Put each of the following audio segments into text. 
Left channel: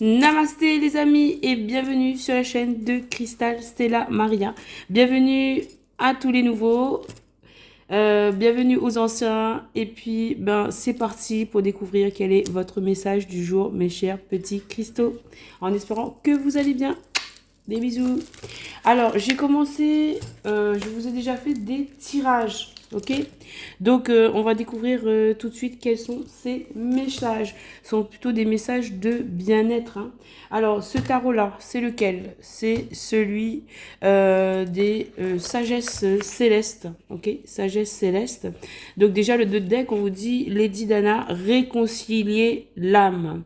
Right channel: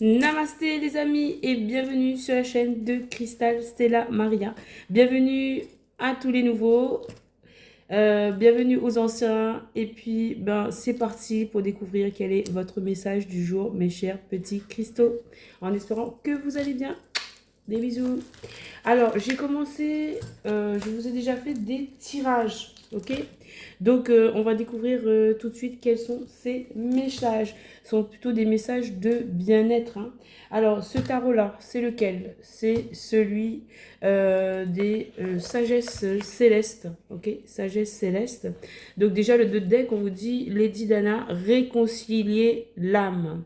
Namasté les amis et bienvenue sur la chaîne de Crystal Stella Maria. Bienvenue à tous les nouveaux, bienvenue aux anciens et puis c'est parti pour découvrir quel est votre message du jour mes chers petits cristaux. En espérant que vous allez bien. Des bisous. Alors, j'ai commencé, je vous ai déjà fait des tirages, ok? Donc, on va découvrir tout de suite quels sont ces messages. Ce sont plutôt des messages de bien-être, hein. Alors, ce tarot-là, c'est lequel? C'est celui des sagesses célestes, ok? Sagesse céleste. Donc, déjà, le deck, on vous dit, Lady Dana, réconcilier l'âme.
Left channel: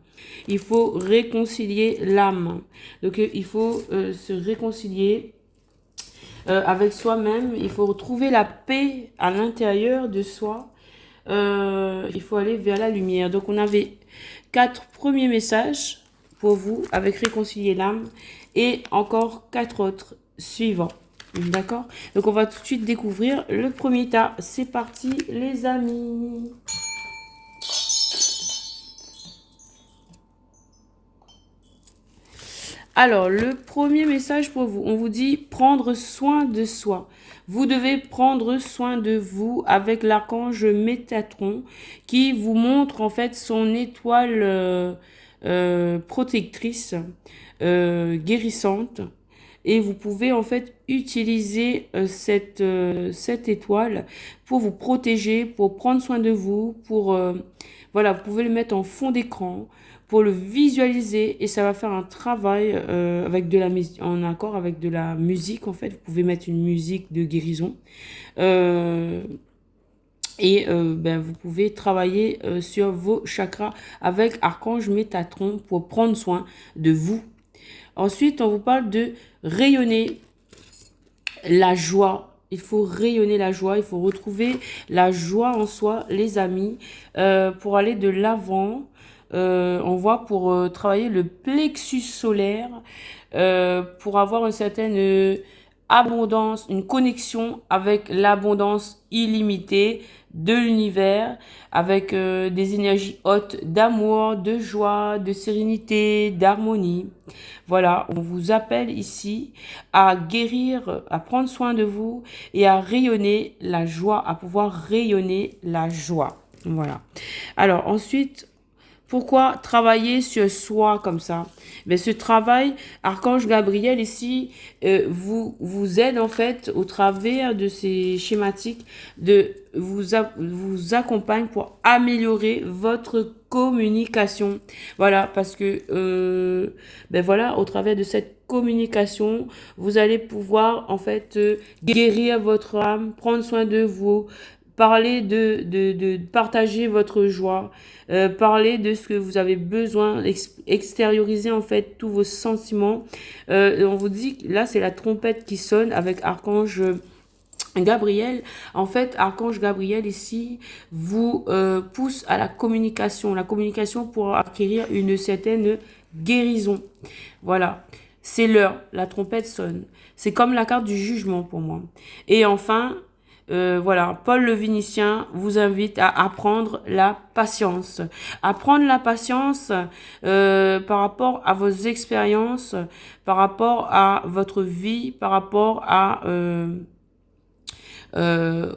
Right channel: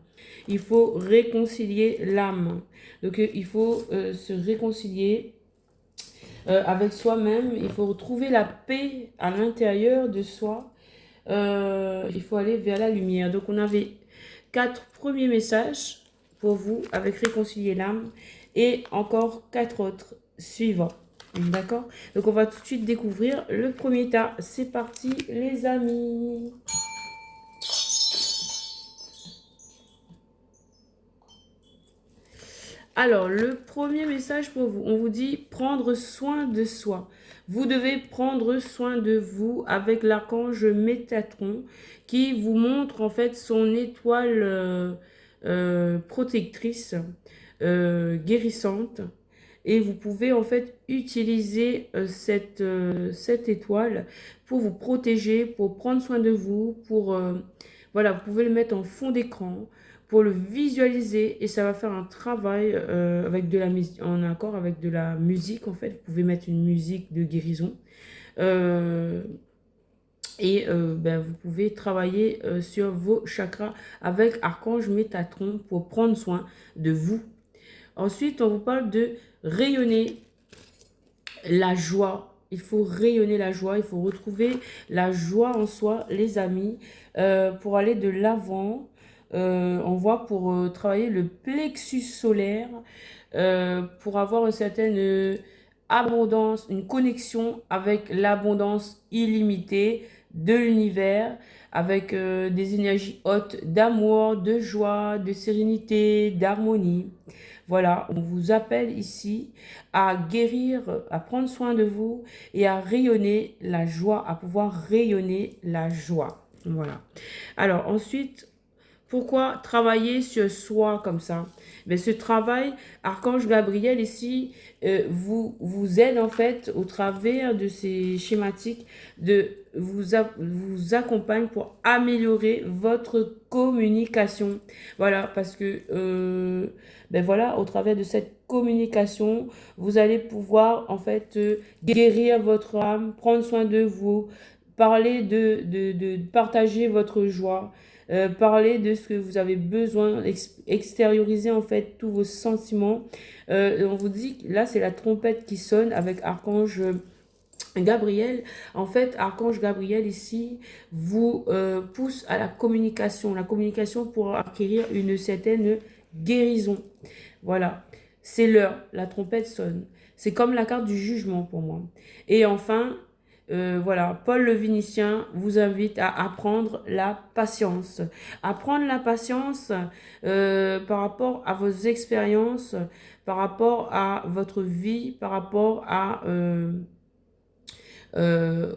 Il faut réconcilier l'âme. Donc, il faut se réconcilier avec soi-même. Il faut retrouver la paix à l'intérieur de soi. Il faut aller vers la lumière. Donc, on avait 4 premiers messages pour vous avec réconcilier l'âme et encore 4 autres suivants. D'accord? Donc, on va tout de suite découvrir le premier tas. C'est parti, les amis. Alors, le premier message pour vous, on vous dit prendre soin de soi. Vous devez prendre soin de vous avec l'archange Métatron qui vous montre en fait son étoile protectrice, guérissante. Et vous pouvez en fait utiliser cette étoile pour vous protéger, pour prendre soin de vous, pour voilà, vous pouvez le mettre en fond d'écran pour le visualiser et ça va faire un travail avec de la musique, en accord avec de la musique en fait. Vous pouvez mettre une musique de guérison euh, vous pouvez travailler sur vos chakras avec Archange Métatron pour prendre soin de vous. Ensuite, on vous parle de rayonner la joie. Il faut rayonner la joie, il faut retrouver la joie en soi, les amis, pour aller de l'avant. On voit pour travailler le plexus solaire, pour avoir une certaine abondance, une connexion avec l'abondance illimitée de l'univers, avec des énergies hautes d'amour, de joie, de sérénité, d'harmonie. Voilà, on vous appelle ici à guérir, à prendre soin de vous et à rayonner la joie, à pouvoir rayonner la joie. Voilà. Alors ensuite, pourquoi travailler sur soi comme ça? Mais ce travail, Archange Gabriel ici, vous aide en fait au travers de ces schématiques, vous accompagne pour améliorer votre communication. Voilà, parce que voilà, au travers de cette communication, vous allez pouvoir en fait guérir votre âme, prendre soin de vous, parler de partager votre joie, parler de ce que vous avez besoin, extérioriser en fait tous vos sentiments. On vous dit, là c'est la trompette qui sonne avec Archange Gabriel. En fait, Archange Gabriel ici vous pousse à la communication pour acquérir une certaine guérison. Voilà, c'est l'heure, la trompette sonne. C'est comme la carte du jugement pour moi. Et enfin, voilà, Paul le Vénitien vous invite à apprendre la patience. Apprendre la patience par rapport à vos expériences, par rapport à votre vie, par rapport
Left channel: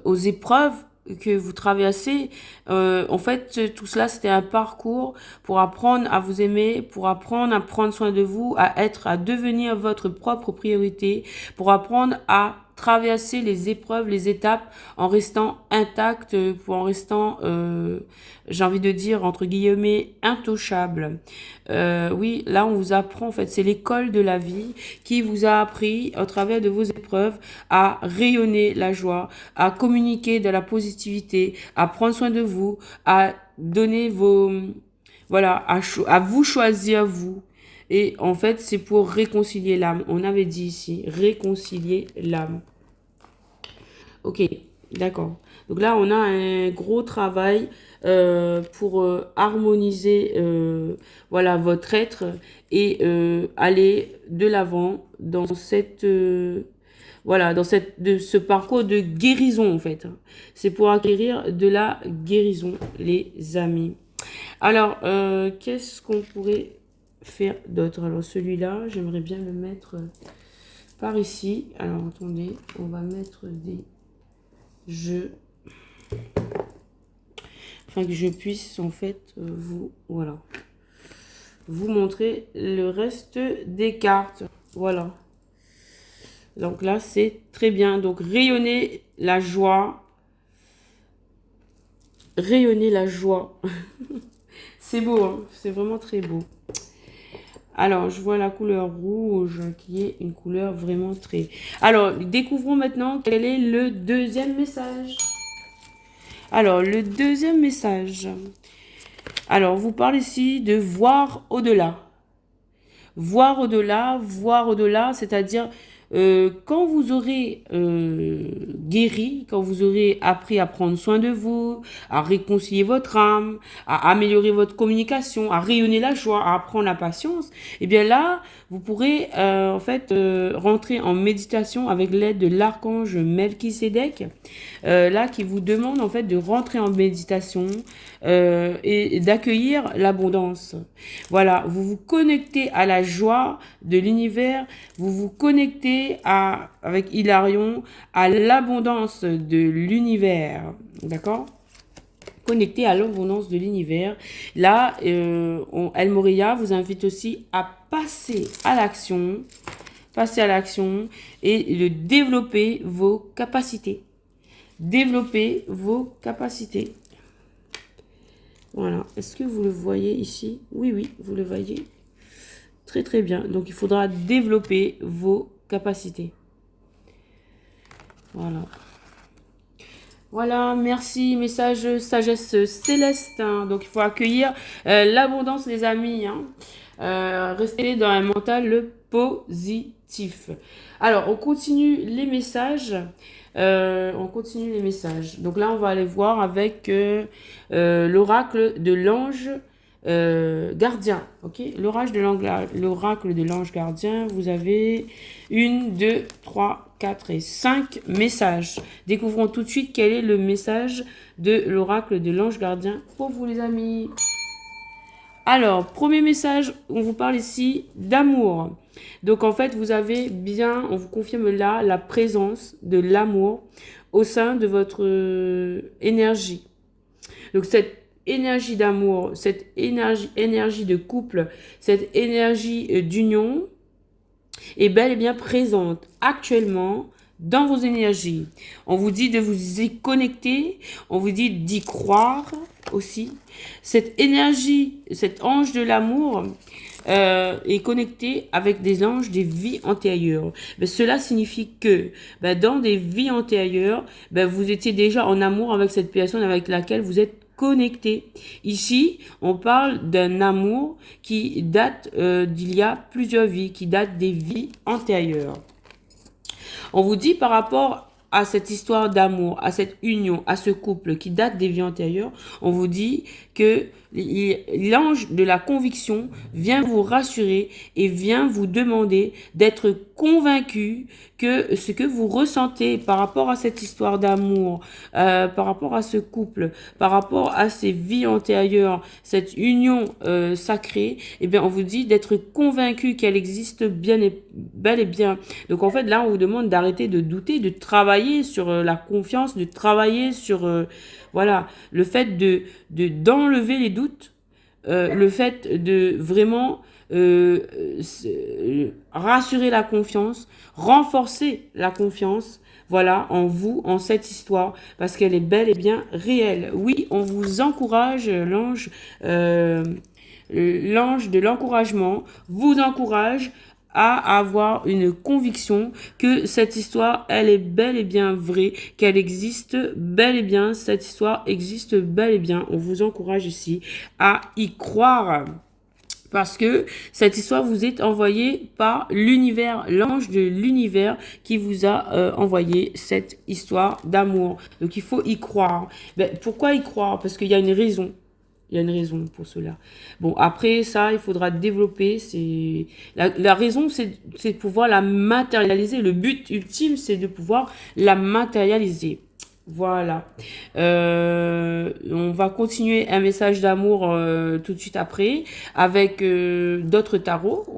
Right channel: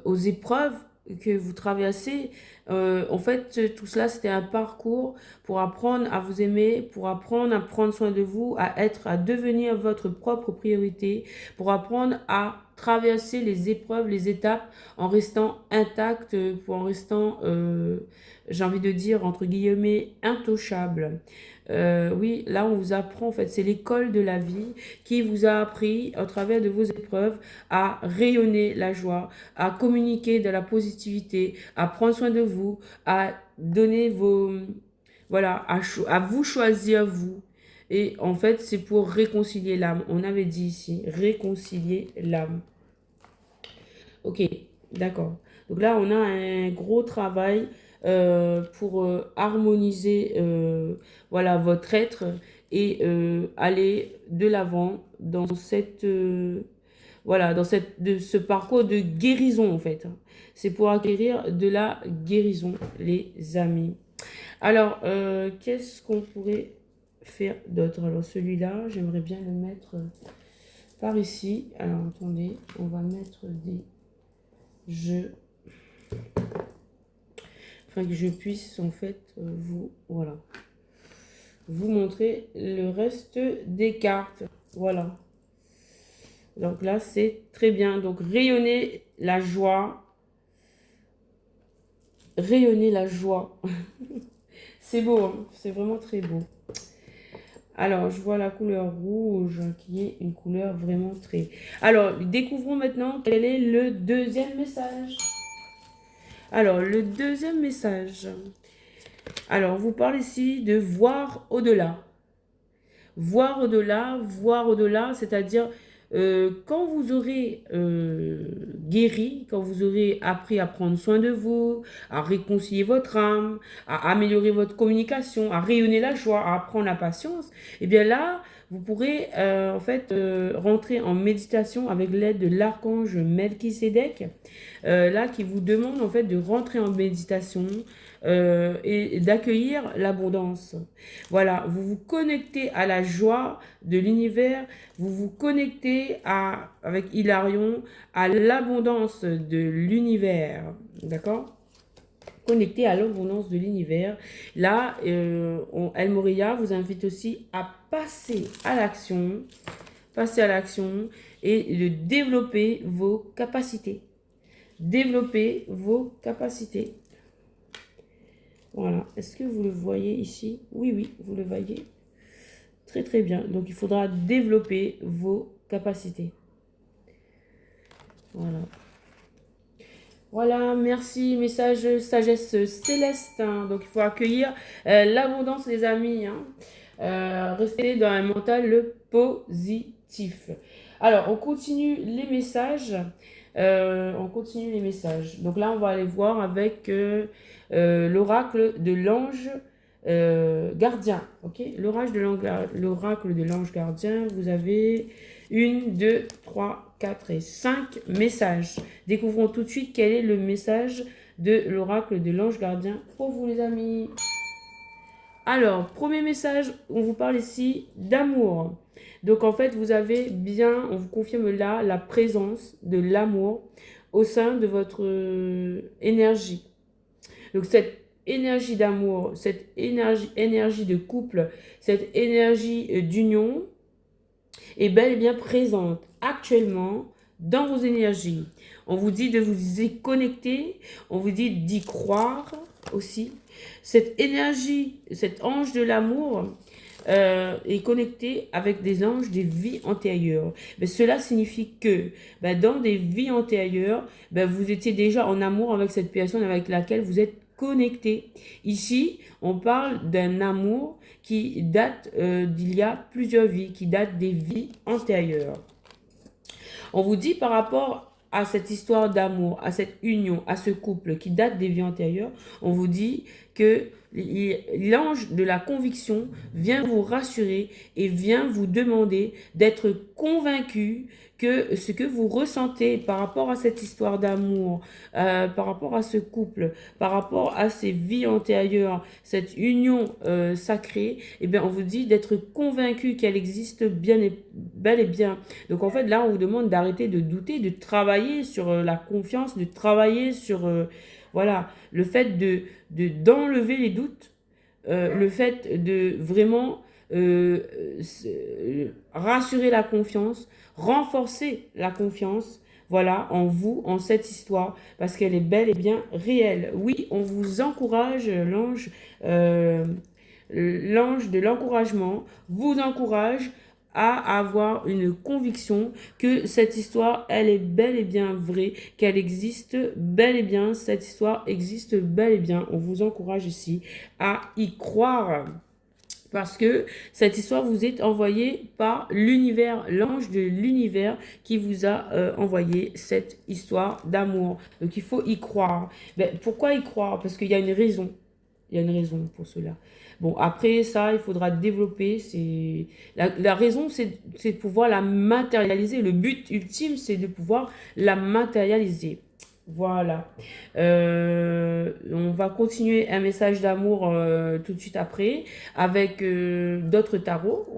aux épreuves que vous traversez. En fait, tout cela, c'était un parcours pour apprendre à vous aimer, pour apprendre à prendre soin de vous, à devenir votre propre priorité, pour apprendre à traverser les épreuves, les étapes en restant intact, en restant, j'ai envie de dire, entre guillemets, intouchable. Oui, là, on vous apprend, en fait, c'est l'école de la vie qui vous a appris, au travers de vos épreuves, à rayonner la joie, à communiquer de la positivité, à prendre soin de vous, à donner voilà, à vous choisir vous. Et en fait, c'est pour réconcilier l'âme. On avait dit ici, réconcilier l'âme. Ok, d'accord. Donc là, on a un gros travail pour harmoniser voilà, votre être et aller de l'avant dans voilà, de ce parcours de guérison en fait. C'est pour acquérir de la guérison, les amis. Alors, qu'est-ce qu'on pourrait faire d'autre? Alors celui-là, j'aimerais bien le mettre par ici. Alors attendez, on va mettre des jeux afin que je puisse en fait voilà, vous montrer le reste des cartes. Voilà. Donc là, c'est très bien. Donc rayonner la joie. Rayonner la joie. C'est beau, hein, c'est vraiment très beau. Alors, je vois la couleur rouge qui est une couleur vraiment très... Alors, découvrons maintenant quel est le deuxième message. Alors, le deuxième message. Alors, vous parle ici de voir au-delà. Voir au-delà, c'est-à-dire quand vous aurez guéri, quand vous aurez appris à prendre soin de vous, à réconcilier votre âme, à améliorer votre communication, à rayonner la joie, à apprendre la patience, et bien là, vous pourrez en fait rentrer en méditation avec l'aide de l'archange Melchisédek, là qui vous demande en fait de rentrer en méditation et d'accueillir l'abondance. Voilà, vous vous connectez à la joie de l'univers, vous vous connectez avec Hilarion à l'abondance de l'univers, d'accord? Connecté à l'abondance de l'univers. Là, El Moria vous invite aussi à passer à l'action et de développer vos capacités. Développer vos capacités. Voilà. Est-ce que vous le voyez ici? Oui, oui, vous le voyez. Très, très bien. Donc, il faudra développer vos capacités. Voilà. Voilà, merci. Message sagesse céleste. Hein. Donc, il faut accueillir l'abondance, les amis. Hein. Restez dans un mental positif. Alors, on continue les messages. Donc là, on va aller voir avec l'oracle de l'ange gardien. Ok, l'oracle de l'ange gardien. Vous avez 1, 2, 3, 4 et 5 messages. Découvrons tout de suite quel est le message de l'oracle de l'ange gardien pour vous, les amis. Alors, premier message, on vous parle ici d'amour. Donc, en fait, vous avez bien, on vous confirme là, la présence de l'amour au sein de votre énergie. Donc, cette énergie d'amour, cette énergie de couple, cette énergie d'union est bel et bien présente actuellement dans vos énergies. On vous dit de vous y connecter, on vous dit d'y croire aussi. Cette énergie, cet ange de l'amour est connecté avec des anges des vies antérieures. Mais cela signifie que dans des vies antérieures, vous étiez déjà en amour avec cette personne avec laquelle vous êtes connecté. Ici, on parle d'un amour qui date d'il y a plusieurs vies, qui date des vies antérieures. On vous dit par rapport à cette histoire d'amour, à cette union, à ce couple qui date des vies antérieures, on vous dit que l'ange de la conviction vient vous rassurer et vient vous demander d'être convaincu que ce que vous ressentez par rapport à cette histoire d'amour, par rapport à ce couple, par rapport à ces vies antérieures, cette union sacrée, eh bien, on vous dit d'être convaincu qu'elle existe bel et bien. Donc, en fait, là, on vous demande d'arrêter de douter, de travailler sur la confiance, de travailler sur voilà, le fait d'enlever les doutes, le fait de vraiment rassurer la confiance, renforcer la confiance, voilà, en vous, en cette histoire, parce qu'elle est bel et bien réelle. Oui, on vous encourage, l'ange de l'encouragement vous encourage à avoir une conviction que cette histoire, elle est bel et bien vraie, qu'elle existe bel et bien, cette histoire existe bel et bien. On vous encourage ici à y croire. Parce que cette histoire vous est envoyée par l'univers, l'ange de l'univers qui vous a envoyé cette histoire d'amour. Donc il faut y croire. Pourquoi y croire? Parce qu'il y a une raison. Il y a une raison pour cela. Bon, après ça, il faudra développer. La raison, c'est de pouvoir la matérialiser. Le but ultime, c'est de pouvoir la matérialiser. Voilà. On va continuer un message d'amour tout de suite après avec d'autres tarots.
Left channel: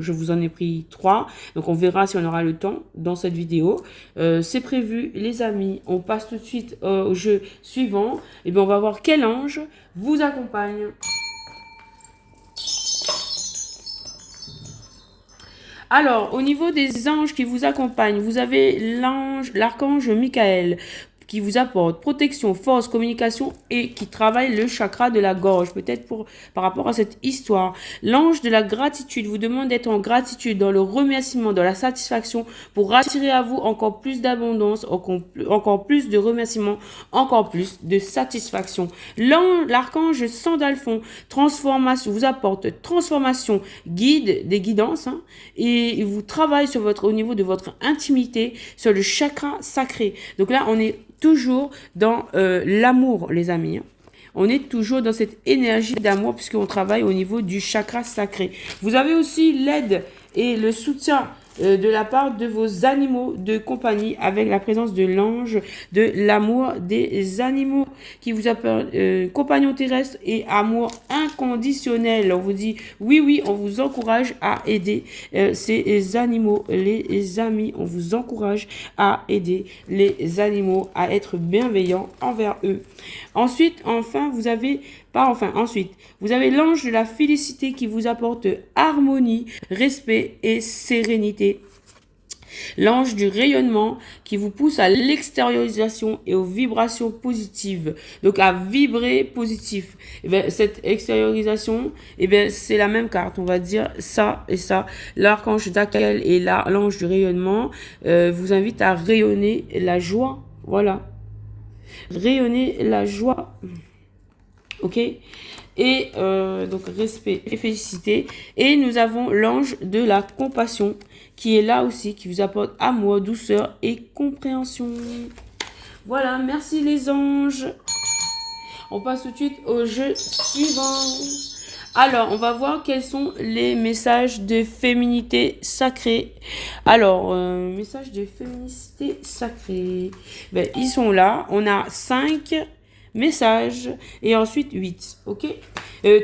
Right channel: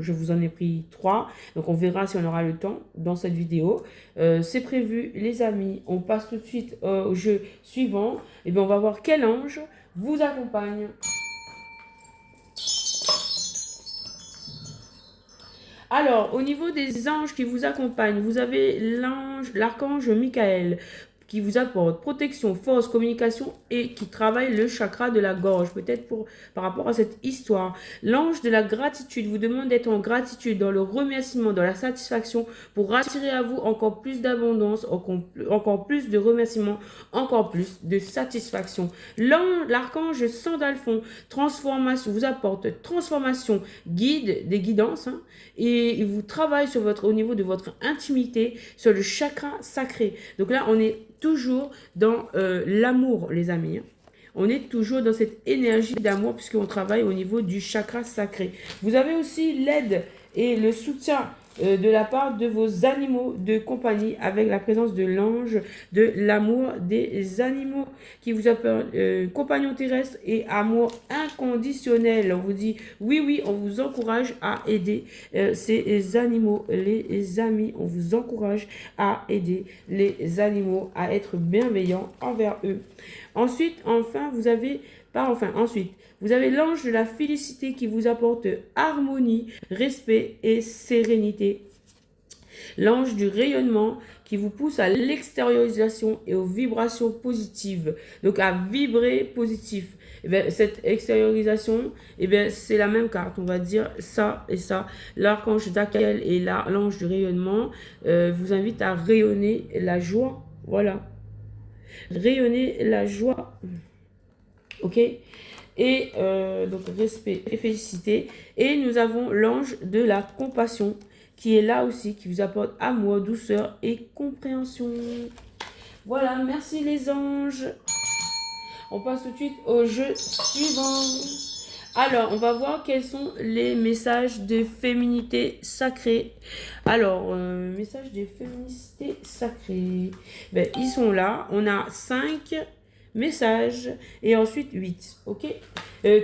Je vous en ai pris 3. Donc on verra si on aura le temps dans cette vidéo. C'est prévu, les amis. On passe tout de suite au jeu suivant. Et bien on va voir quel ange vous accompagne. Alors, au niveau des anges qui vous accompagnent, vous avez l'archange Michael qui vous apporte protection, force, communication et qui travaille le chakra de la gorge, peut-être par rapport à cette histoire. L'ange de la gratitude vous demande d'être en gratitude, dans le remerciement, dans la satisfaction, pour attirer à vous encore plus d'abondance, encore plus de remerciements, encore plus de satisfaction. L'archange Sandalphon, transformation, vous apporte transformation, guide, des guidances, hein, et il vous travaille au niveau de votre intimité, sur le chakra sacré. Donc là, on est toujours dans l'amour, les amis. On est toujours dans cette énergie d'amour puisqu'on travaille au niveau du chakra sacré. Vous avez aussi l'aide et le soutien de la part de vos animaux de compagnie avec la présence de l'ange de l'amour des animaux qui vous appelle compagnon terrestre et amour inconditionnel. On vous dit oui, oui, on vous encourage à aider ces animaux, les amis. On vous encourage à aider les animaux, à être bienveillants envers eux. Ensuite, vous avez l'ange de la félicité qui vous apporte harmonie, respect et sérénité. L'ange du rayonnement qui vous pousse à l'extériorisation et aux vibrations positives. Donc à vibrer positif. Et bien, cette extériorisation, et bien, c'est la même carte. On va dire ça et ça. L'archange Dakel et l'ange du rayonnement vous invite à rayonner la joie. Voilà. Rayonner la joie. Ok. Et donc respect et félicité. Et nous avons l'ange de la compassion qui est là aussi, qui vous apporte amour, douceur et compréhension. Voilà, merci les anges. On passe tout de suite au jeu suivant. Alors, on va voir quels sont les messages de féminité sacrée. Alors, messages de féminité sacrée. Ben, ils sont là. On a 5 messages et ensuite 8. Ok,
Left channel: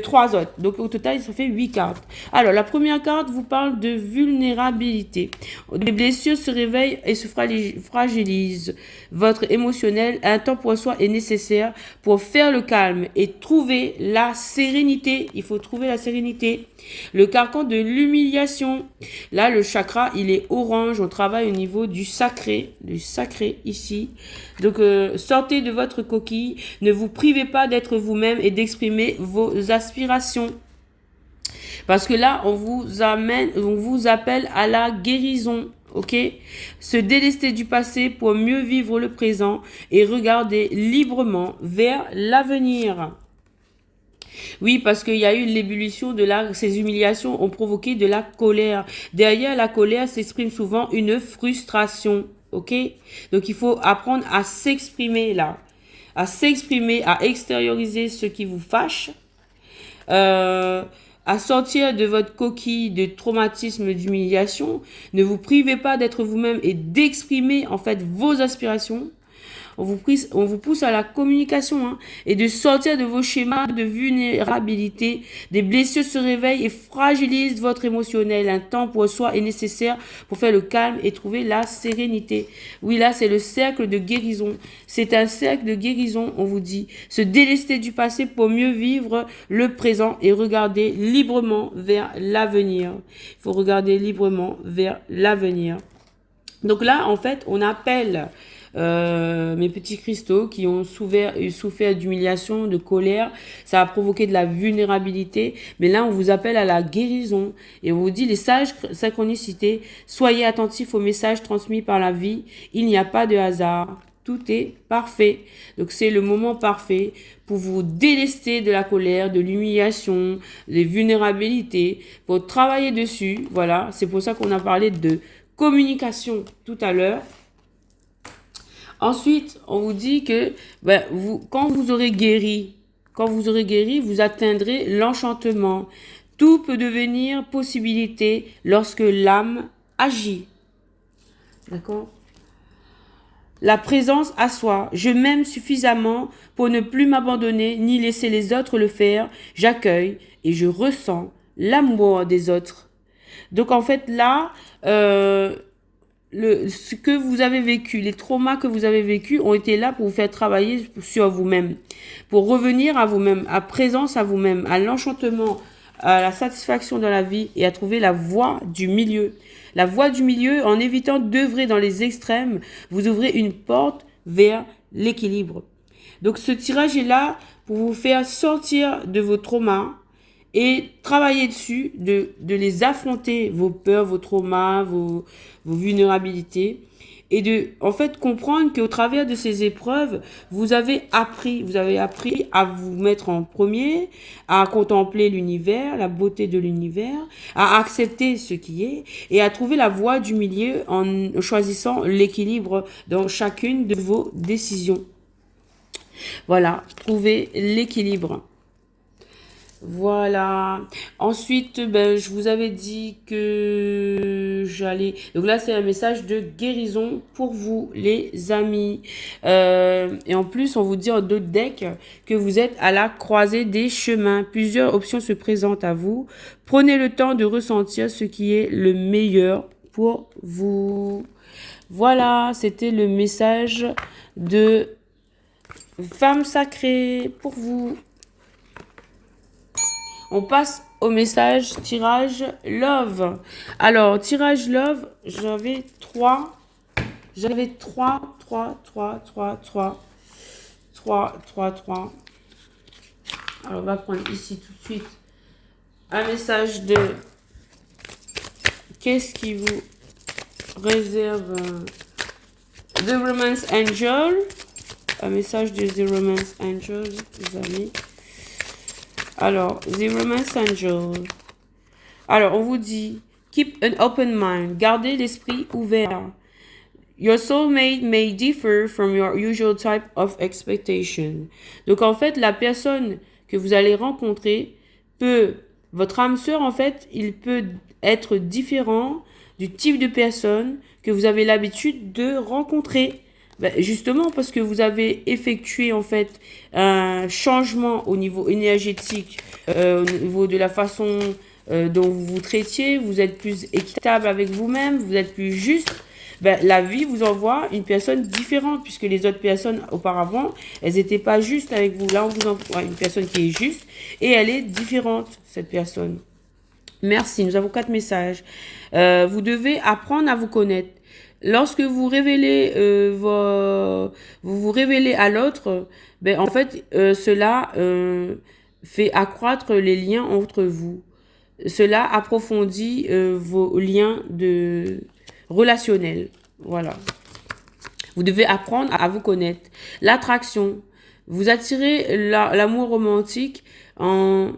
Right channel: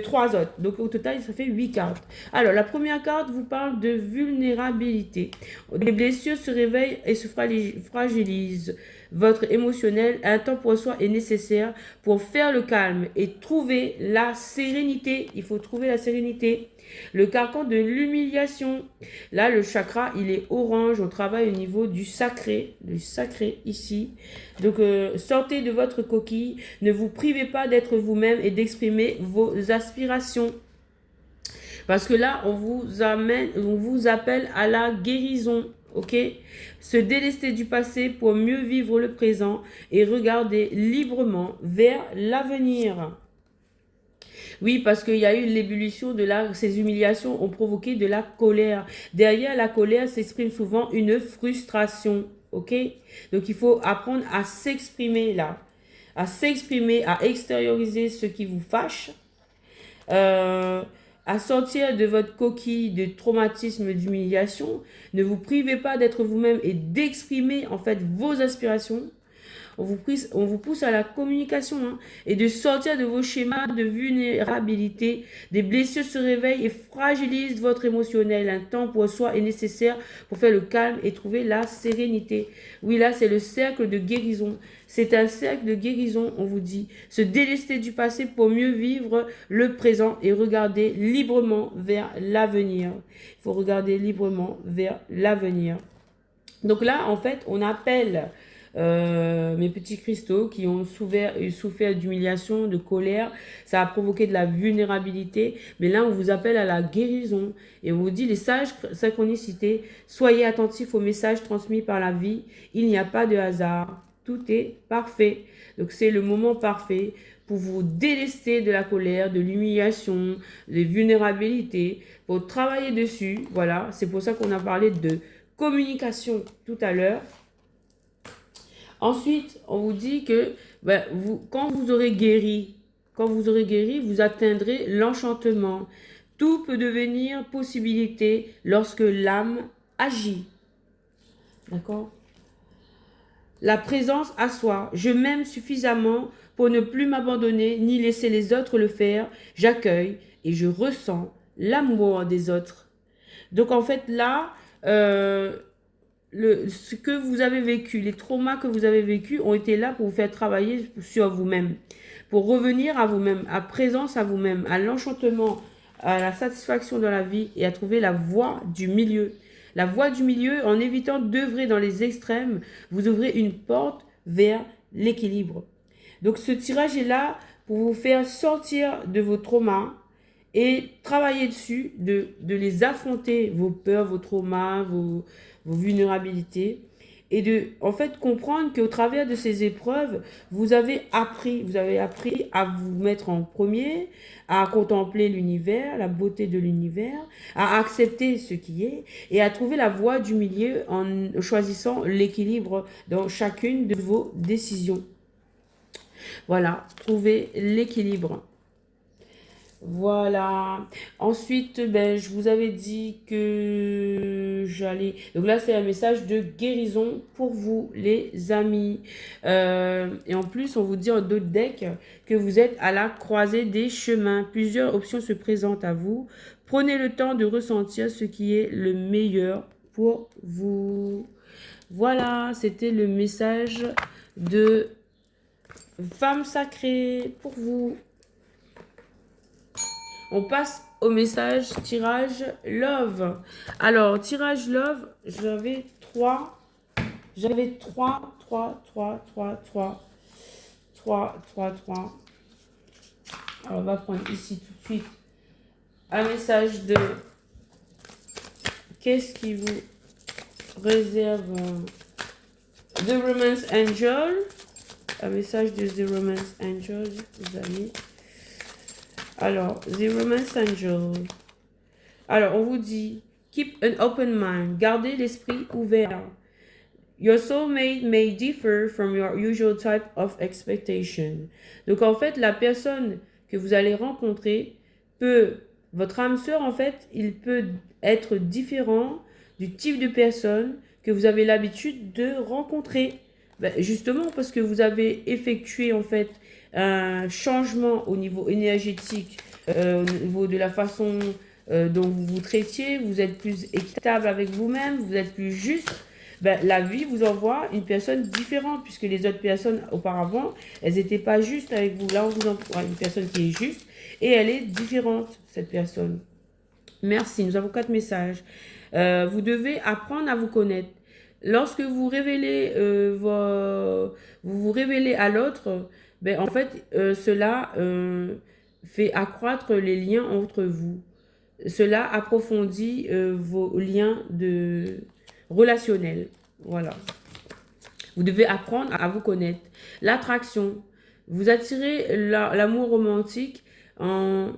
3 autres. Donc, au total, ça fait 8 cartes. Alors, la première carte vous parle de vulnérabilité. Les blessures se réveillent et se fragilisent. Votre émotionnel, un temps pour soi est nécessaire pour faire le calme et trouver la sérénité. Il faut trouver la sérénité. Le carcan de l'humiliation. Là, le chakra, il est orange. On travaille au niveau du sacré ici. Donc, sortez de votre coquille. Ne vous privez pas d'être vous-même et d'exprimer vos aspirations. Parce que là, on vous appelle à la guérison. Ok, se délester du passé pour mieux vivre le présent et regarder librement vers l'avenir. Oui, parce qu'il y a eu l'ébullition ces humiliations ont provoqué de la colère. Derrière la colère s'exprime souvent une frustration. Ok, donc il faut apprendre à s'exprimer là, à s'exprimer, à extérioriser ce qui vous fâche. À sortir de votre coquille de traumatisme, d'humiliation. Ne vous privez pas d'être vous-même et d'exprimer en fait vos aspirations. On vous pousse à la communication hein, et de sortir de vos schémas de vulnérabilité. Des blessures se réveillent et fragilisent votre émotionnel. Un temps pour soi est nécessaire pour faire le calme et trouver la sérénité. Oui, là, c'est le cercle de guérison. C'est un cercle de guérison, on vous dit. Se délester du passé pour mieux vivre le présent et regarder librement vers l'avenir. Il faut regarder librement vers l'avenir. Donc là, en fait, on appelle mes petits cristaux qui ont souffert d'humiliation, de colère. Ça a provoqué de la vulnérabilité. Mais là, on vous appelle à la guérison. Et on vous dit, les sages synchronicités, soyez attentifs aux messages transmis par la vie. Il n'y a pas de hasard. Tout est parfait. Donc, c'est le moment parfait pour vous délester de la colère, de l'humiliation, des vulnérabilités, pour travailler dessus. Voilà, c'est pour ça qu'on a parlé de communication tout à l'heure. Ensuite, on vous dit que quand vous aurez guéri, vous atteindrez l'enchantement. Tout peut devenir possibilité lorsque l'âme agit. D'accord? la présence à soi. Je m'aime suffisamment pour ne plus m'abandonner ni laisser les autres le faire. J'accueille et je ressens l'amour des autres. Donc en fait là, ce que vous avez vécu, les traumas que vous avez vécus ont été là pour vous faire travailler sur vous-même, pour revenir à vous-même, à présence à vous-même, à l'enchantement, à la satisfaction dans la vie et à trouver la voie du milieu. La voie du milieu, en évitant d'œuvrer dans les extrêmes, vous ouvrez une porte vers l'équilibre. Donc ce tirage est là pour vous faire sortir de vos traumas et travailler dessus, de les affronter, vos peurs, vos traumas, vos vulnérabilités, et de, en fait, comprendre qu'au travers de ces épreuves, vous avez appris à vous mettre en premier, à contempler l'univers, la beauté de l'univers, à accepter ce qui est, et à trouver la voie du milieu en choisissant l'équilibre dans chacune de vos décisions. Voilà, trouver l'équilibre. Voilà. Ensuite, ben, je vous avais dit que j'allais... Donc là, c'est un message de guérison pour vous, les amis. Et en plus, on vous dit en d'autres decks que vous êtes à la croisée des chemins. Plusieurs options se présentent à vous. Prenez le temps de ressentir ce qui est le meilleur pour vous. Voilà, c'était le message de Femme Sacrée pour vous. On passe au message tirage love. Alors, tirage love, j'avais 3. Alors, on va prendre ici tout de suite un message de qu'est-ce qui vous réserve The Romance Angel. Un message de The Romance Angel, les amis. Alors, The Romance Angel. Alors, on vous dit, keep an open mind. Gardez l'esprit ouvert. Your soulmate may differ from your usual type of expectation. Donc, en fait, la personne que vous allez rencontrer peut, votre âme sœur, en fait, il peut être différent du type de personne que vous avez l'habitude de rencontrer. Ben, justement parce que vous avez effectué en fait un changement au niveau énergétique, au niveau de la façon dont vous vous traitiez, vous êtes plus équitable avec vous-même, vous êtes plus juste. Ben, la vie vous envoie une personne différente puisque les autres personnes auparavant, elles n'étaient pas justes avec vous. Là, on vous envoie une personne qui est juste et elle est différente, cette personne. Merci, nous avons 4 messages. Vous devez apprendre à vous connaître. Lorsque vous révélez, vous révélez à l'autre, ben, en fait, cela fait accroître les liens entre vous. Cela approfondit vos liens relationnels. Voilà. Vous devez apprendre à vous connaître. L'attraction. Vous attirez l'amour romantique en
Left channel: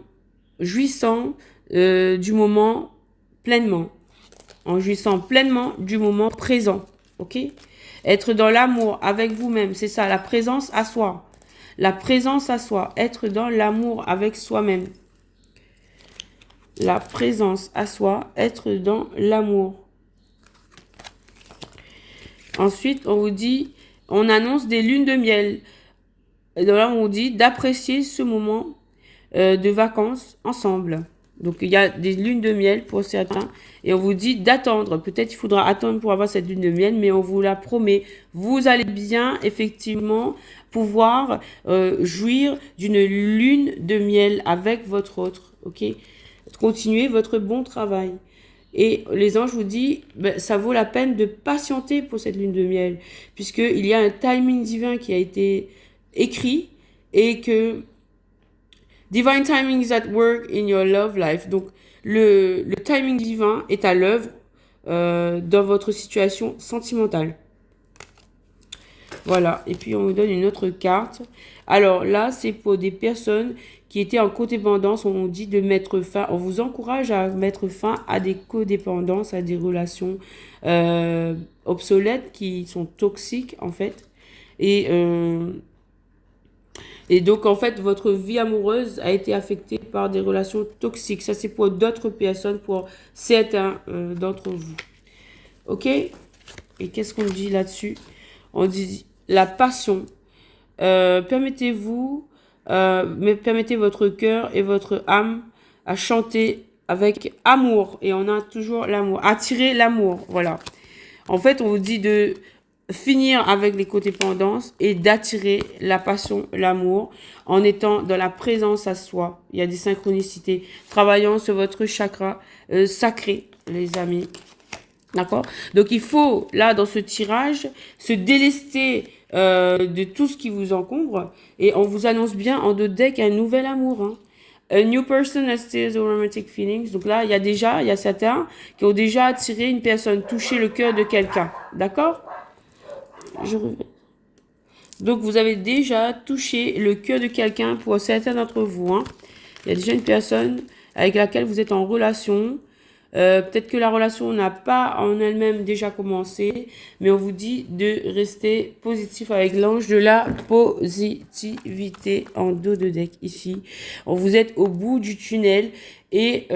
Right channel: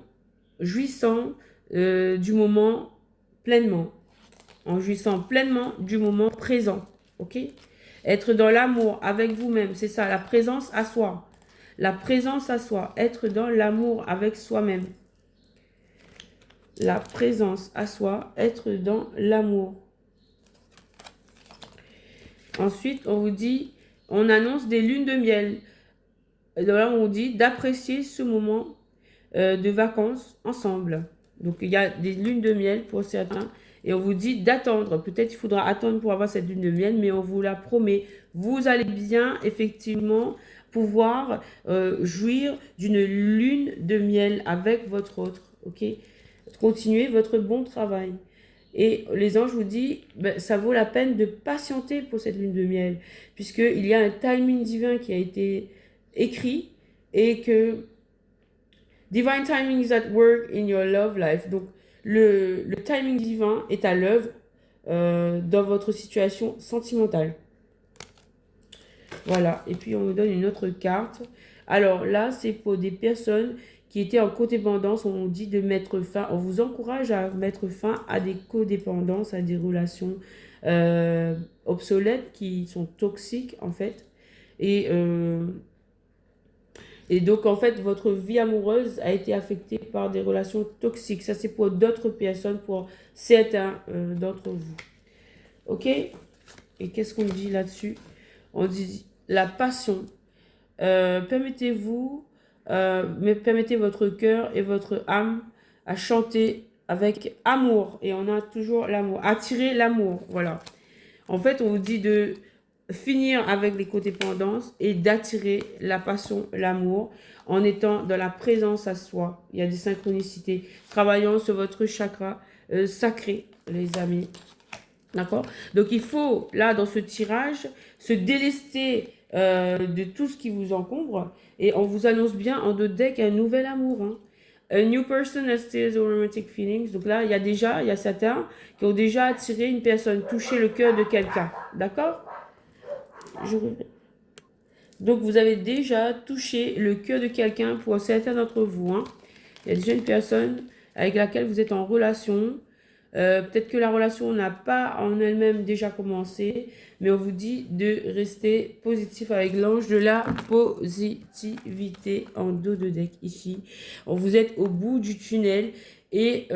jouissant du moment pleinement. En jouissant pleinement du moment présent, ok? Être dans l'amour avec vous-même, c'est ça, la présence à soi. La présence à soi, être dans l'amour avec soi-même. La présence à soi, être dans l'amour. Ensuite, on vous dit, on annonce des lunes de miel. Et là, on vous dit d'apprécier ce moment de vacances ensemble. Donc, il y a des lunes de miel pour certains. Et on vous dit d'attendre. Peut-être il faudra attendre pour avoir cette lune de miel, mais on vous la promet. Vous allez bien, effectivement, pouvoir jouir d'une lune de miel avec votre autre. Ok? Continuez votre bon travail. Et les anges vous disent, ben, ça vaut la peine de patienter pour cette lune de miel, puisqu'il y a un timing divin qui a été écrit et que Divine timing is at work in your love life. Donc, le timing divin est à l'œuvre dans votre situation sentimentale. Voilà. Et puis, on vous donne une autre carte. Alors là, c'est pour des personnes qui étaient en codépendance. On vous dit de mettre fin. On vous encourage à mettre fin à des codépendances, à des relations obsolètes qui sont toxiques, en fait. Et donc, en fait, votre vie amoureuse a été affectée par des relations toxiques. Ça, c'est pour d'autres personnes, pour certains d'entre vous. OK? Et qu'est-ce qu'on dit là-dessus? On dit la passion. Permettez-vous, mais permettez votre cœur et votre âme à chanter avec amour. Et on a toujours l'amour. Attirer l'amour, voilà. En fait, on vous dit de finir avec les codépendances et d'attirer la passion, l'amour, en étant dans la présence à soi. Il y a des synchronicités. Travaillant sur votre chakra sacré, les amis. D'accord? Donc, il faut, là, dans ce tirage, se délester de tout ce qui vous encombre. Et on vous annonce bien en deux decks un nouvel amour. Hein. A new person has still the romantic feelings. Donc là, il y a certains qui ont déjà attiré une personne, touché le cœur de quelqu'un. D'accord? Donc, vous avez déjà touché le cœur de quelqu'un pour certains d'entre vous. Hein. Il y a déjà une personne avec laquelle vous êtes en relation. Peut-être que la relation n'a pas en elle-même déjà commencé, mais on vous dit de rester positif avec l'ange de la positivité en dos de deck ici. Vous êtes au bout du tunnel et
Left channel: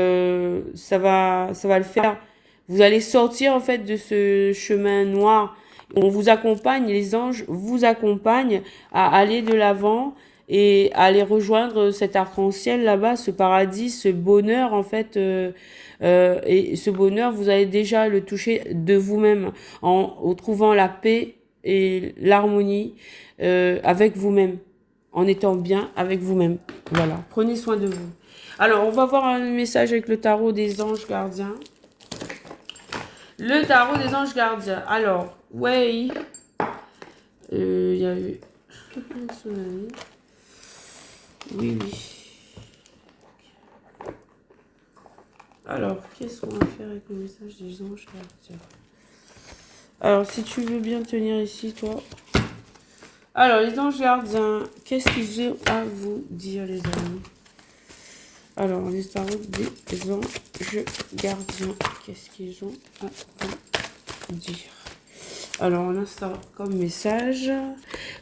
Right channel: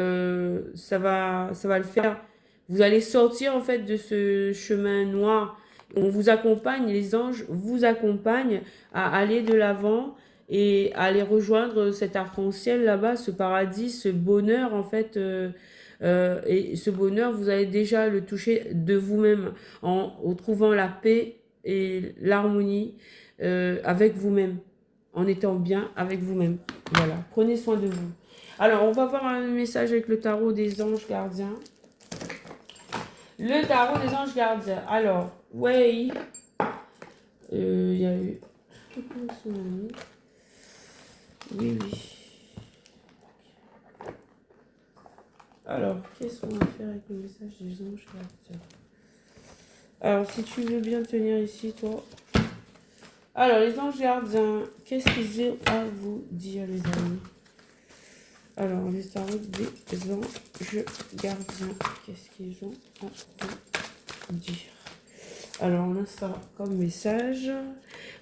ça va le faire. Vous allez sortir en fait de ce chemin noir. On vous accompagne, les anges vous accompagnent à aller de l'avant et à aller rejoindre cet arc-en-ciel là-bas, ce paradis, ce bonheur en fait. Et ce bonheur, vous allez déjà le toucher de vous-même en trouvant la paix et l'harmonie avec vous-même, en étant bien avec vous-même. Voilà, prenez soin de vous. Alors, on va voir un message avec le tarot des anges gardiens. Le tarot des anges gardiens. Alors, ouais, il y a eu un tsunami. Oui, oui. Alors, qu'est-ce qu'on va faire avec le message des anges gardiens? Alors, si tu veux bien tenir ici, toi. Alors, les anges gardiens, qu'est-ce qu'ils ont à vous dire, les amis? Alors, les tarots des anges gardiens, qu'est-ce qu'ils ont à vous dire? Alors, on a ça comme message.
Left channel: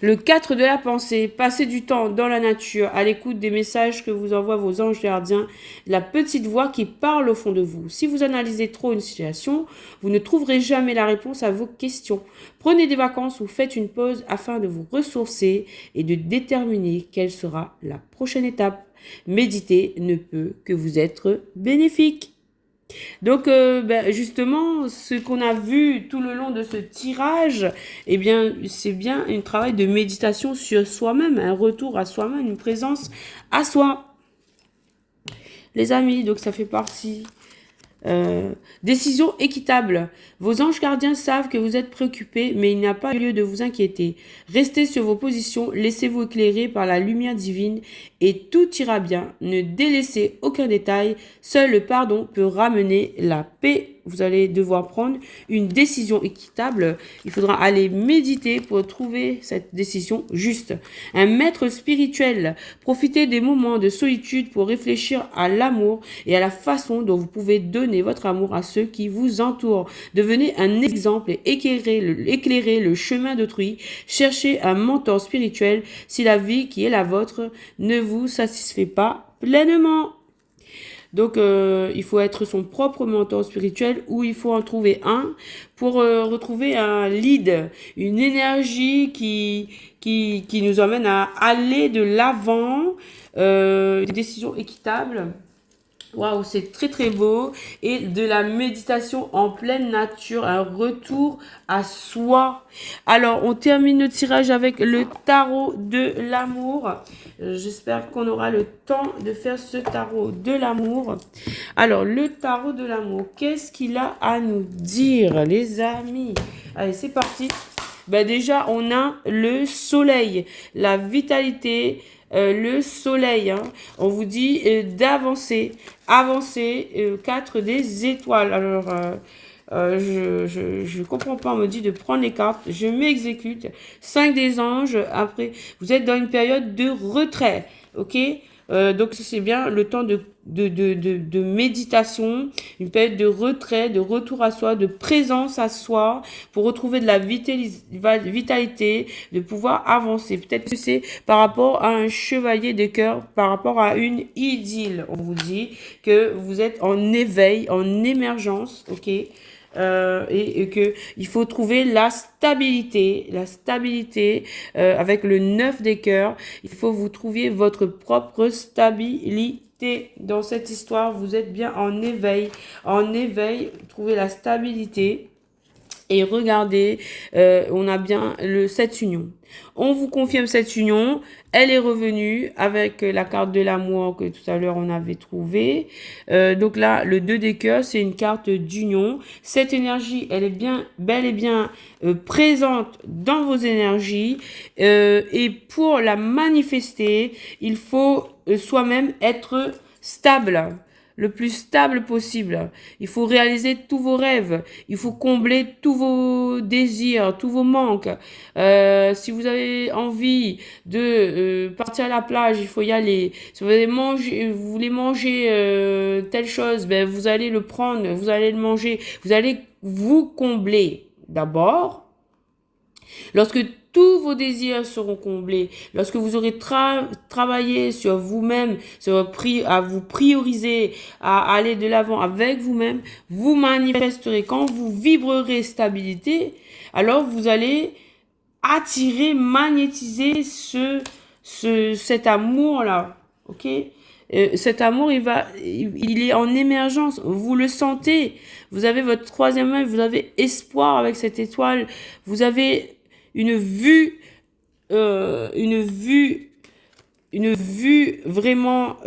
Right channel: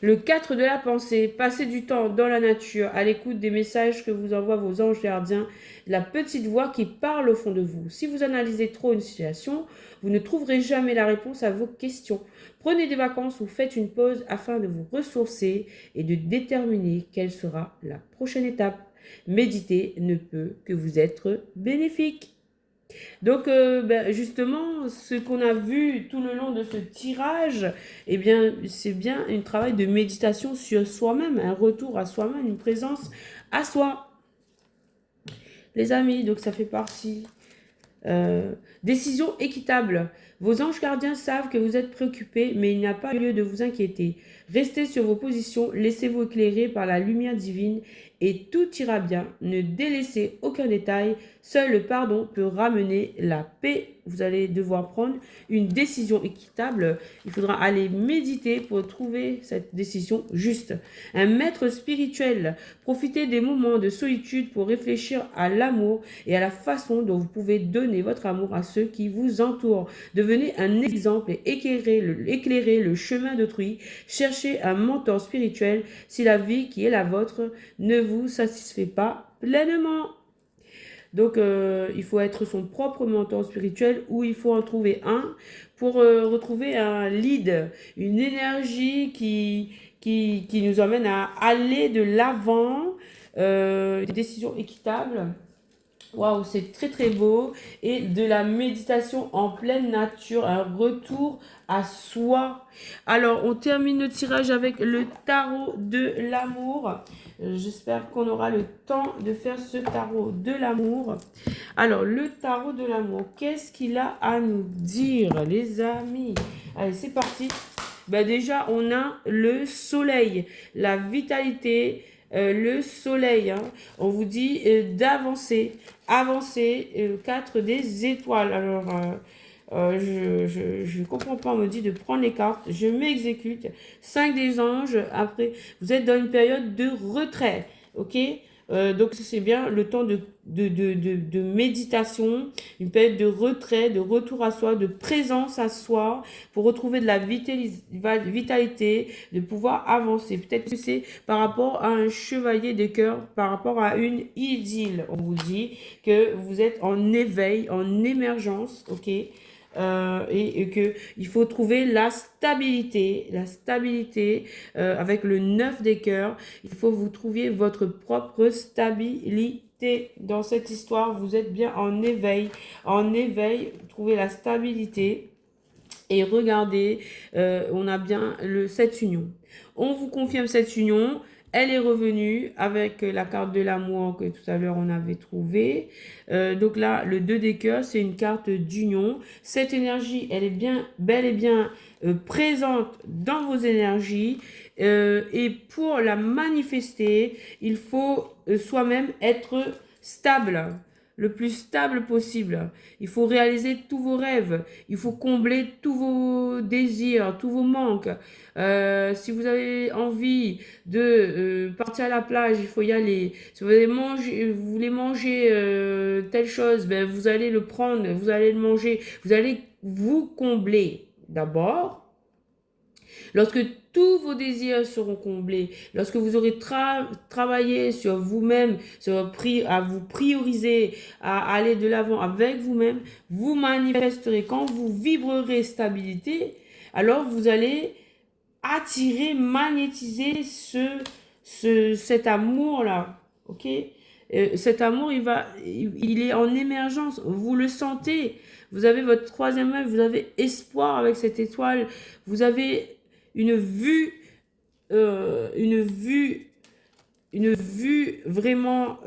Le 4 de la pensée. Passez du temps dans la nature, à l'écoute des messages que vous envoient vos anges gardiens, la petite voix qui parle au fond de vous. Si vous analysez trop une situation, vous ne trouverez jamais la réponse à vos questions. Prenez des vacances ou faites une pause afin de vous ressourcer et de déterminer quelle sera la prochaine étape. Méditer ne peut que vous être bénéfique. Donc, justement, ce qu'on a vu tout le long de ce tirage, eh bien, c'est bien un travail de méditation sur soi-même, un retour à soi-même, une présence à soi. Les amis, donc ça fait partie. Décision équitable. Vos anges gardiens savent que vous êtes préoccupés, mais il n'y a pas lieu de vous inquiéter. Restez sur vos positions, laissez-vous éclairer par la lumière divine et tout ira bien. Ne délaissez aucun détail. Seul le pardon peut ramener la paix. Vous allez devoir prendre une décision équitable. Il faudra aller méditer pour trouver cette décision juste. Un maître spirituel. Profitez des moments de solitude pour réfléchir à l'amour et à la façon dont vous pouvez donner votre amour à ceux qui vous entourent. Devenez un exemple et éclairez le chemin d'autrui. Cherchez un mentor spirituel si la vie qui est la vôtre ne vous satisfait pas pleinement. Donc, il faut être son propre mentor spirituel ou il faut en trouver un pour retrouver un lead, une énergie qui nous emmène à aller de l'avant, des décisions équitables. Waouh, c'est très très beau. Et de la méditation en pleine nature, un retour à soi. Alors, on termine le tirage avec le tarot de l'amour. J'espère qu'on aura le temps de faire ce tarot de l'amour. Alors, le tarot de l'amour, qu'est-ce qu'il a à nous dire, les amis? Allez, c'est parti. Ben déjà, on a le soleil, la vitalité, le soleil. Hein. On vous dit d'avancer. Avancer, 4 des étoiles. Alors, je comprends pas. On me dit de prendre les cartes. Je m'exécute. 5 des anges. Après, vous êtes dans une période de retrait. Ok? Donc, c'est bien le temps de méditation, une période de retrait, de retour à soi, de présence à soi, pour retrouver de la vitalité, de pouvoir avancer. Peut-être que c'est par rapport à un chevalier de cœur, par rapport à une idylle. On vous dit que vous êtes en éveil, en émergence, ok? et que il faut trouver la stabilité, avec le 9 des cœurs. Il faut vous trouver votre propre stabilité dans cette histoire. Vous êtes bien en éveil, trouvez la stabilité. Et regardez, on a bien cette union. On vous confirme cette union. Elle est revenue avec la carte de l'amour que tout à l'heure on avait trouvée. Donc là, le 2 des cœurs, c'est une carte d'union. Cette énergie, elle est bien, bel et bien présente dans vos énergies. Et pour la manifester, il faut soi-même être stable, le plus stable possible. Il faut réaliser tous vos rêves. Il faut combler tous vos désirs, tous vos manques. Si vous avez envie de partir à la plage, il faut y aller. Si vous voulez manger telle chose, ben vous allez le prendre, vous allez le manger. Vous allez vous combler d'abord. Lorsque tous vos désirs seront comblés, lorsque vous aurez travaillé sur vous-même, à vous prioriser, à aller de l'avant avec vous-même, vous manifesterez. Quand vous vibrerez stabilité, alors vous allez attirer, magnétiser cet amour-là. Ok? Cet amour, il est en émergence. Vous le sentez. Vous avez votre troisième œil, vous avez espoir avec cette étoile. Vous avez une vue, euh, une vue, une vue vraiment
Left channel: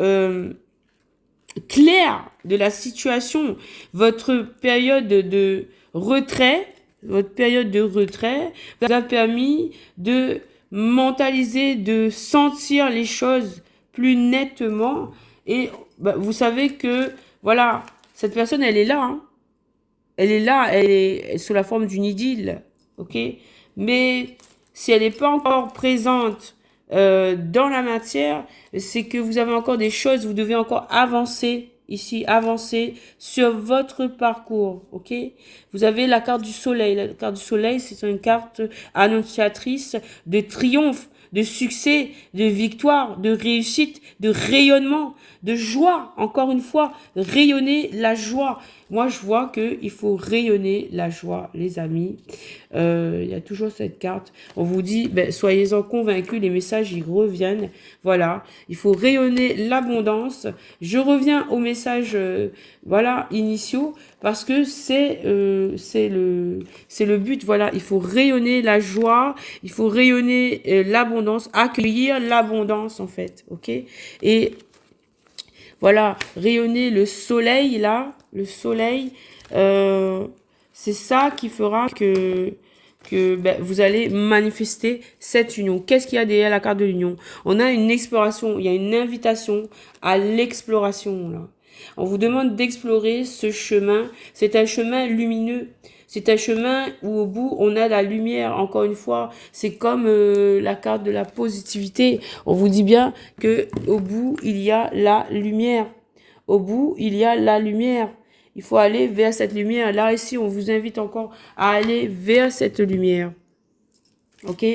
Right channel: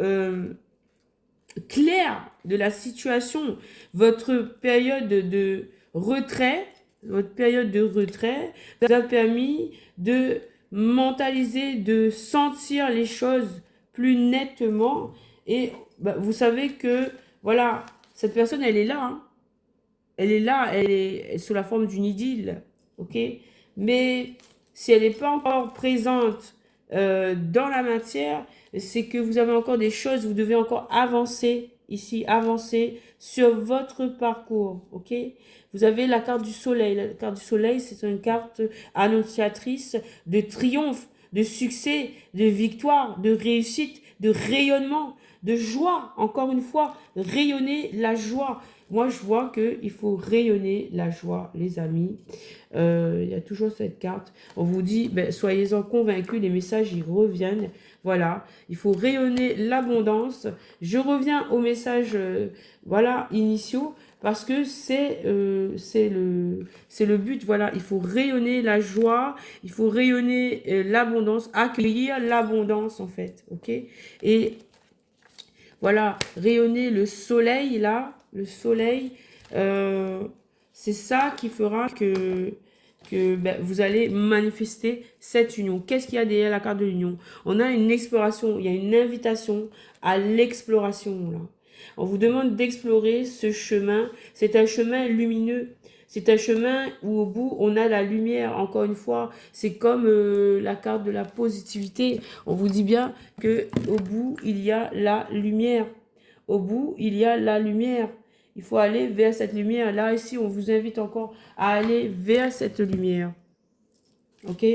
claire de la situation. Votre période de retrait vous a permis de mentaliser, de sentir les choses plus nettement. Et bah, vous savez que, voilà, cette personne, elle est là. Hein. Elle est là, elle est sous la forme d'une idylle. Ok? Mais si elle n'est pas encore présente dans la matière, c'est que vous avez encore des choses, vous devez encore avancer ici, avancer sur votre parcours, ok? Vous avez la carte du soleil. La carte du soleil, c'est une carte annonciatrice de triomphe, de succès, de victoire, de réussite, de rayonnement, de joie. Encore une fois, rayonner la joie. Moi, je vois qu'il faut rayonner la joie, les amis. Il y a toujours cette carte. On vous dit, ben, soyez-en convaincus, les messages, ils reviennent. Voilà, il faut rayonner l'abondance. Je reviens aux messages voilà, initiaux parce que c'est le but. Voilà, il faut rayonner la joie, il faut rayonner l'abondance, accueillir l'abondance en fait. Ok? Et voilà, rayonner le soleil là, le soleil, c'est ça qui fera que ben, vous allez manifester cette union. Qu'est-ce qu'il y a derrière la carte de l'union? On a une exploration, il y a une invitation à l'exploration là. On vous demande d'explorer ce chemin. C'est un chemin lumineux. C'est un chemin où au bout, on a la lumière. Encore une fois, c'est comme la carte de la positivité. On vous dit bien que au bout, il y a la lumière. Au bout, il y a la lumière. Il faut aller vers cette lumière. Là, ici, on vous invite encore à aller vers cette lumière. OK?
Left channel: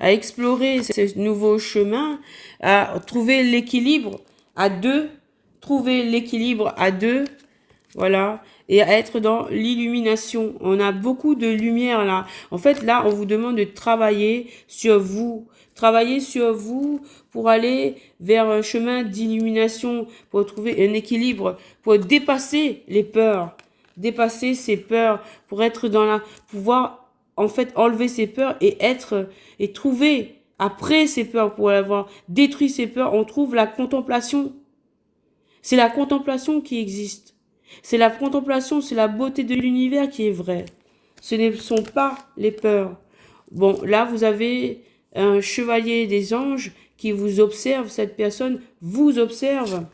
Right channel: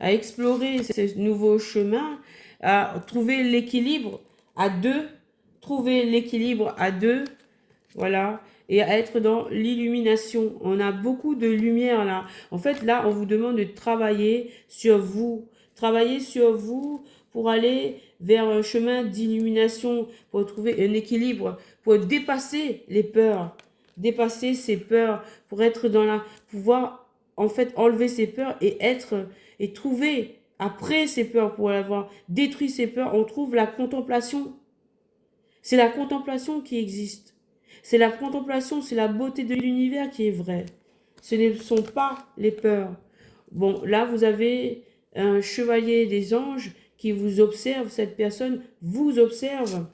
À explorer ce nouveau chemin, à trouver l'équilibre à deux. Trouver l'équilibre à deux. Voilà. Et à être dans l'illumination. On a beaucoup de lumière là. En fait, là, on vous demande de travailler sur vous. Travailler sur vous pour aller vers un chemin d'illumination, pour trouver un équilibre, pour dépasser les peurs. Dépasser ces peurs, pour être dans la... pouvoir, en fait, enlever ces peurs et être... et trouver, après ces peurs, pour avoir détruit ces peurs, on trouve la contemplation. C'est la contemplation qui existe. C'est la contemplation, c'est la beauté de l'univers qui est vraie. Ce ne sont pas les peurs. Bon, là, vous avez un chevalier des anges qui vous observe. Cette personne vous observe.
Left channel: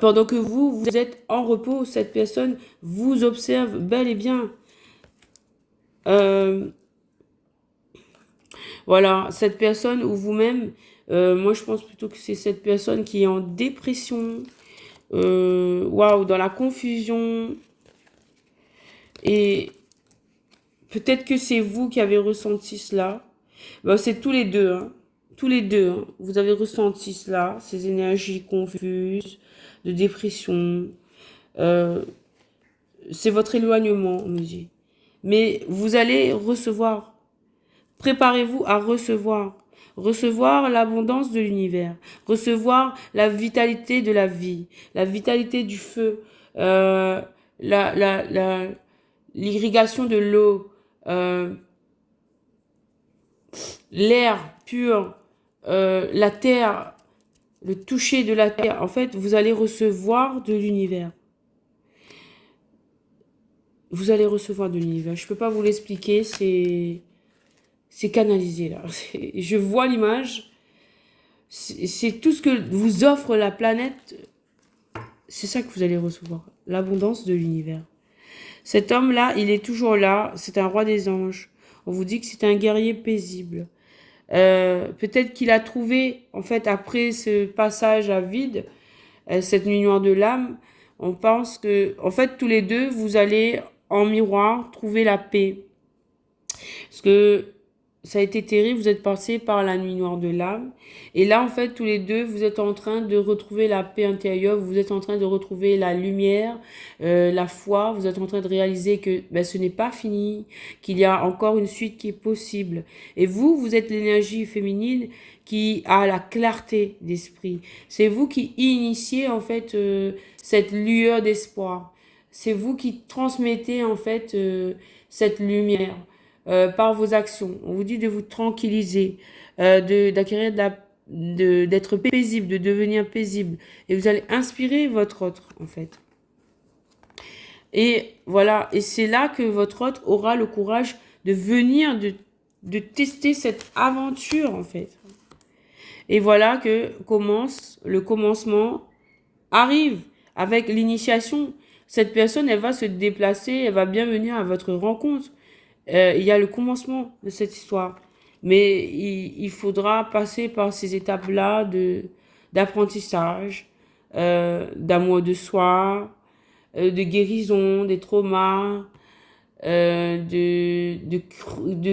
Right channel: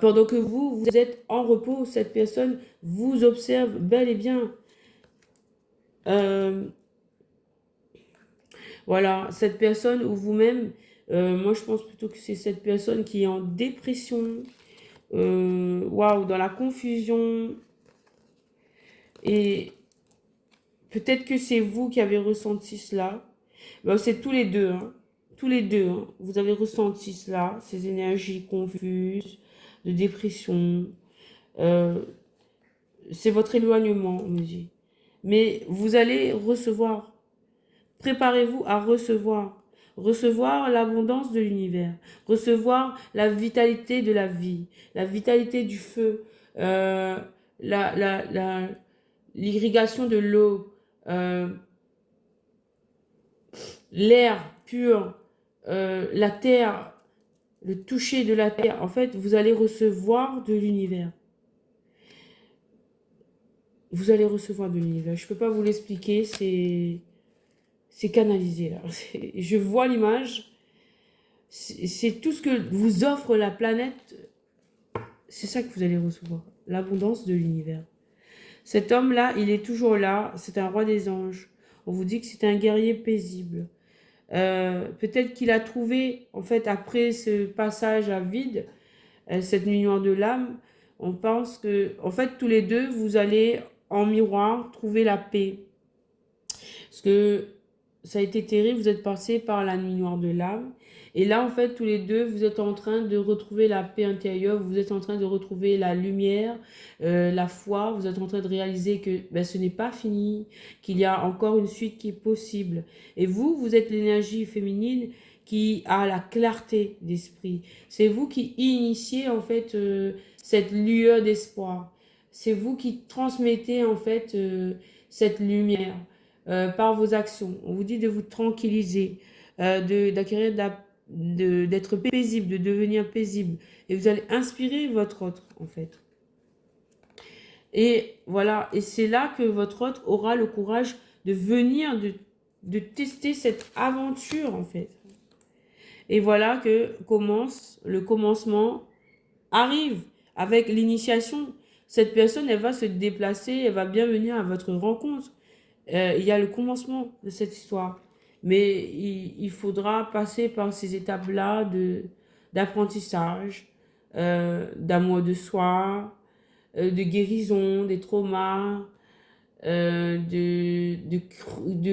Pendant que vous êtes en repos, cette personne vous observe bel et bien. Voilà, cette personne ou vous-même, moi je pense plutôt que c'est cette personne qui est en dépression, waouh, dans la confusion. Et peut-être que c'est vous qui avez ressenti cela. Ben, c'est tous les deux, hein. Tous les deux, hein. Vous avez ressenti cela, ces énergies confuses, de dépression, c'est votre éloignement, on me dit. Mais vous allez recevoir. Préparez-vous à recevoir. Recevoir l'abondance de l'univers. Recevoir la vitalité de la vie. La vitalité du feu. Euh, l'irrigation de l'eau. L'air pur. La terre. Le toucher de la terre. En fait, vous allez recevoir de l'univers. Vous allez recevoir de l'univers. Je ne peux pas vous l'expliquer, c'est canalisé là. Je vois l'image. C'est tout ce que vous offre la planète. C'est ça que vous allez recevoir. L'abondance de l'univers. Cet homme-là, il est toujours là. C'est un roi des anges. On vous dit que c'est un guerrier paisible. Peut-être qu'il a trouvé, en fait, après ce passage à vide, cette nuit noire de l'âme, on pense que, en fait, tous les deux, vous allez en miroir trouver la paix. Parce que ça a été terrible, vous êtes passé par la nuit noire de l'âme. Et là, en fait, tous les deux, vous êtes en train de retrouver la paix intérieure, vous êtes en train de retrouver la lumière, la foi, vous êtes en train de réaliser que ben, ce n'est pas fini, qu'il y a encore une suite qui est possible. Et vous, vous êtes l'énergie féminine qui a la clarté d'esprit. C'est vous qui initiez, en fait, cette lueur d'espoir. C'est vous qui transmettez, en fait, cette lumière. Par vos actions. On vous dit de vous tranquilliser, d'acquérir d'être paisible, de devenir paisible. Et vous allez inspirer votre autre, en fait. Et voilà, et c'est là que votre autre aura le courage de venir, de tester cette aventure, en fait. Et voilà que le commencement arrive avec l'initiation. Cette personne, elle va se déplacer, elle va bien venir à votre rencontre. Il y a le commencement de cette histoire. Mais il faudra passer par ces étapes-là d'apprentissage, d'amour de soi, de guérison, des traumas, de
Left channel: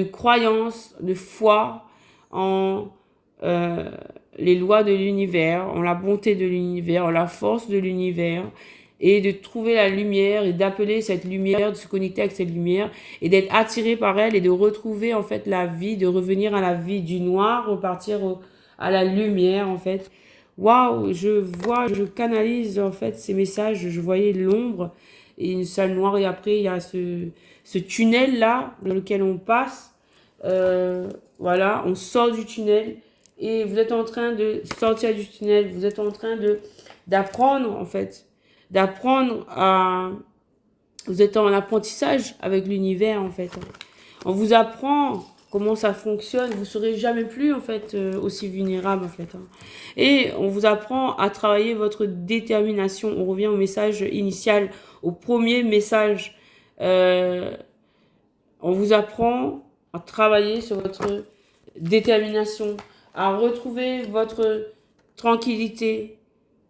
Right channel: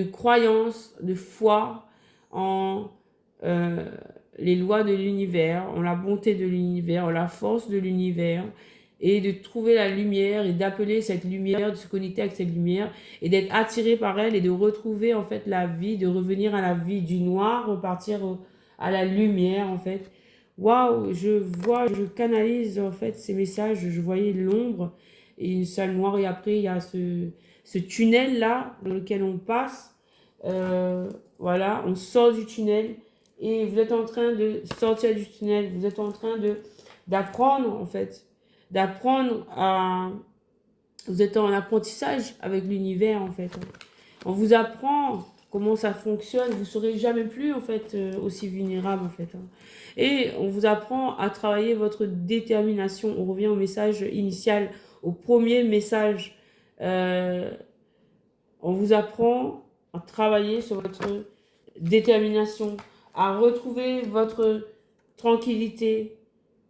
croyance, de foi en les lois de l'univers, en la bonté de l'univers, en la force de l'univers, et de trouver la lumière et d'appeler cette lumière, de se connecter avec cette lumière et d'être attiré par elle et de retrouver en fait la vie, de revenir à la vie du noir, repartir à la lumière en fait. Waouh, je canalise en fait ces messages, je voyais l'ombre et une salle noire et après il y a ce tunnel là dans lequel on passe. Voilà, on sort du tunnel et vous êtes en train de sortir du tunnel, vous êtes en train d'apprendre en fait. D'apprendre à... Vous êtes en apprentissage avec l'univers, en fait. On vous apprend comment ça fonctionne. Vous ne serez jamais plus, en fait, aussi vulnérable, en fait. Et on vous apprend à travailler votre détermination. On revient au message initial, au premier message. On vous apprend à travailler sur votre détermination, à retrouver votre tranquillité,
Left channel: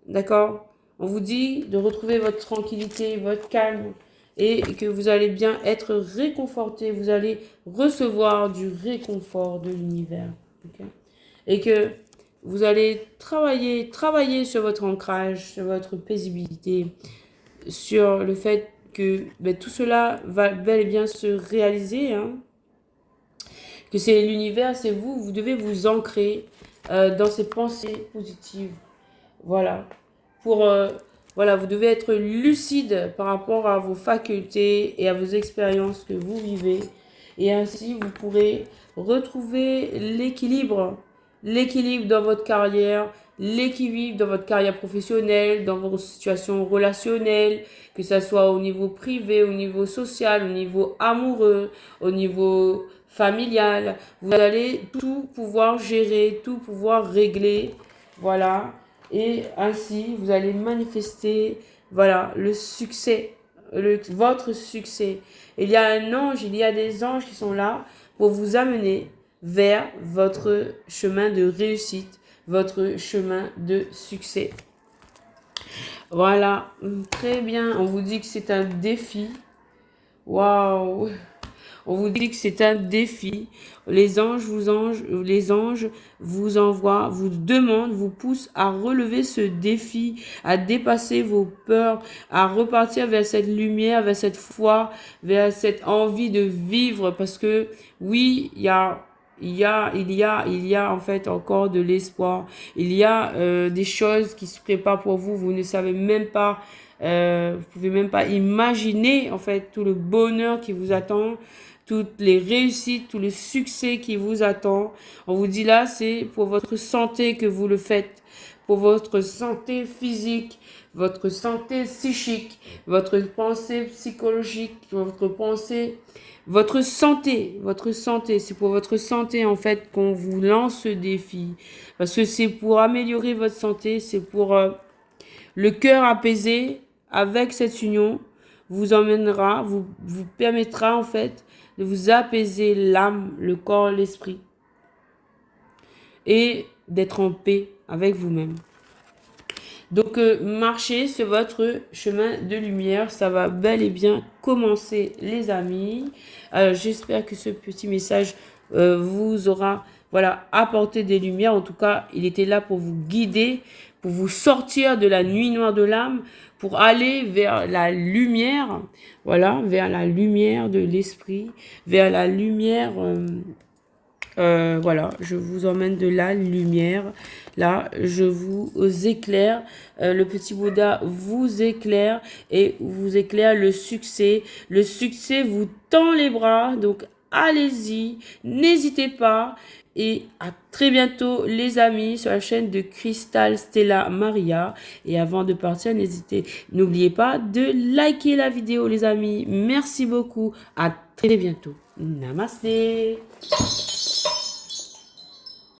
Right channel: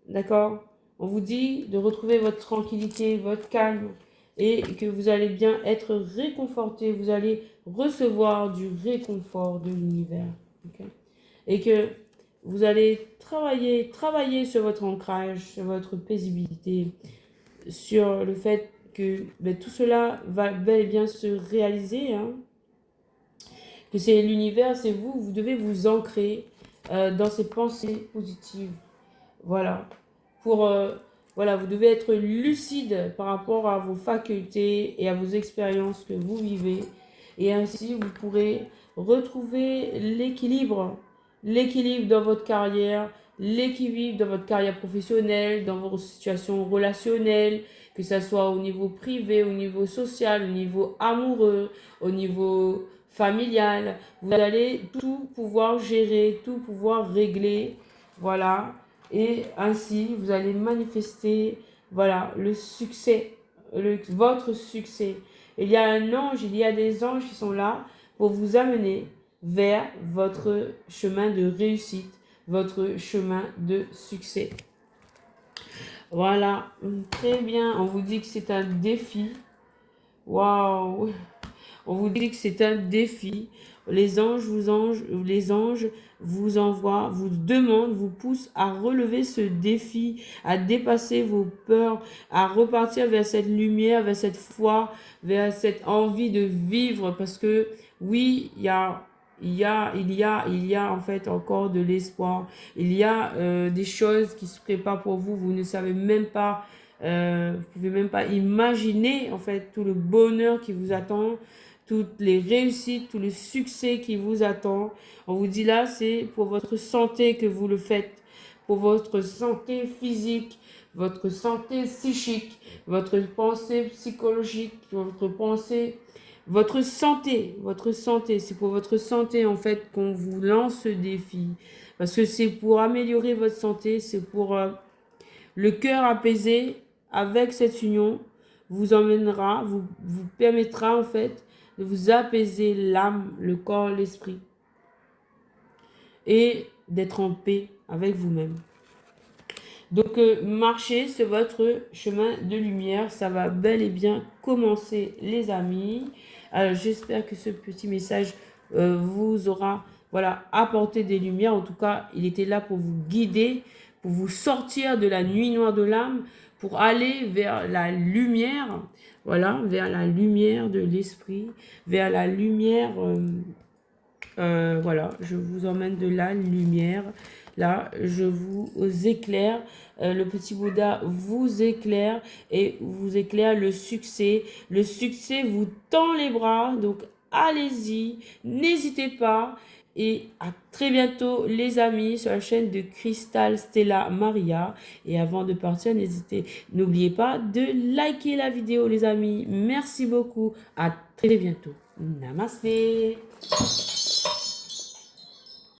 d'accord? On vous dit de retrouver votre tranquillité, votre calme et que vous allez bien être réconforté. Vous allez recevoir du réconfort de l'univers. Okay? Et que vous allez travailler sur votre ancrage, sur votre paisibilité, sur le fait que ben, tout cela va bel et bien se réaliser. Hein? Que c'est l'univers, c'est vous. Vous devez vous ancrer dans ces pensées positives. Voilà. Voilà, vous devez être lucide par rapport à vos facultés et à vos expériences que vous vivez. Et ainsi, vous pourrez retrouver l'équilibre. L'équilibre dans votre carrière, l'équilibre dans votre carrière professionnelle, dans vos situations relationnelles, que ce soit au niveau privé, au niveau social, au niveau amoureux, au niveau familial. Vous allez tout pouvoir gérer, tout pouvoir régler. Voilà. Et ainsi, vous allez manifester, voilà, le succès, votre succès. Il y a un ange, il y a des anges qui sont là pour vous amener vers votre chemin de réussite, votre chemin de succès. Voilà, très bien. On vous dit que c'est un défi. Waouh! On vous dit que c'est un défi. Les anges vous envoient, vous demandent, vous poussent à relever ce défi, à dépasser vos peurs, à repartir vers cette lumière, vers cette foi, vers cette envie de vivre. Parce que oui, il y a en fait encore de l'espoir. Il y a des choses qui se préparent pour vous. Vous ne savez même pas, vous pouvez même pas imaginer en fait tout le bonheur qui vous attend, toutes les réussites, tout le succès qui vous attend. On vous dit là, c'est pour votre santé que vous le faites, pour votre santé physique, votre santé psychique, votre pensée psychologique, votre santé, c'est pour votre santé en fait qu'on vous lance ce défi. Parce que c'est pour améliorer votre santé, c'est pour le cœur apaisé avec cette union vous emmènera, vous permettra en fait de vous apaiser l'âme, le corps, l'esprit et d'être en paix avec vous-même. Donc, marchez sur votre chemin de lumière. Ça va bel et bien commencer, les amis. J'espère que ce petit message vous aura apporté des lumières. En tout cas, il était là pour vous guider, pour vous sortir de la nuit noire de l'âme, pour aller vers la lumière. Voilà, vers la lumière de l'esprit, vers la lumière... voilà, je vous emmène de la lumière. Là, je vous éclaire. Le petit Bouddha vous éclaire et vous éclaire le succès. Le succès vous tend les bras. Donc, allez-y. N'hésitez pas. Et à très bientôt, les amis, sur la chaîne de Crystal Stella Maria. Et avant de partir, n'oubliez pas de liker la vidéo, les amis. Merci beaucoup. À très bientôt. Namasté.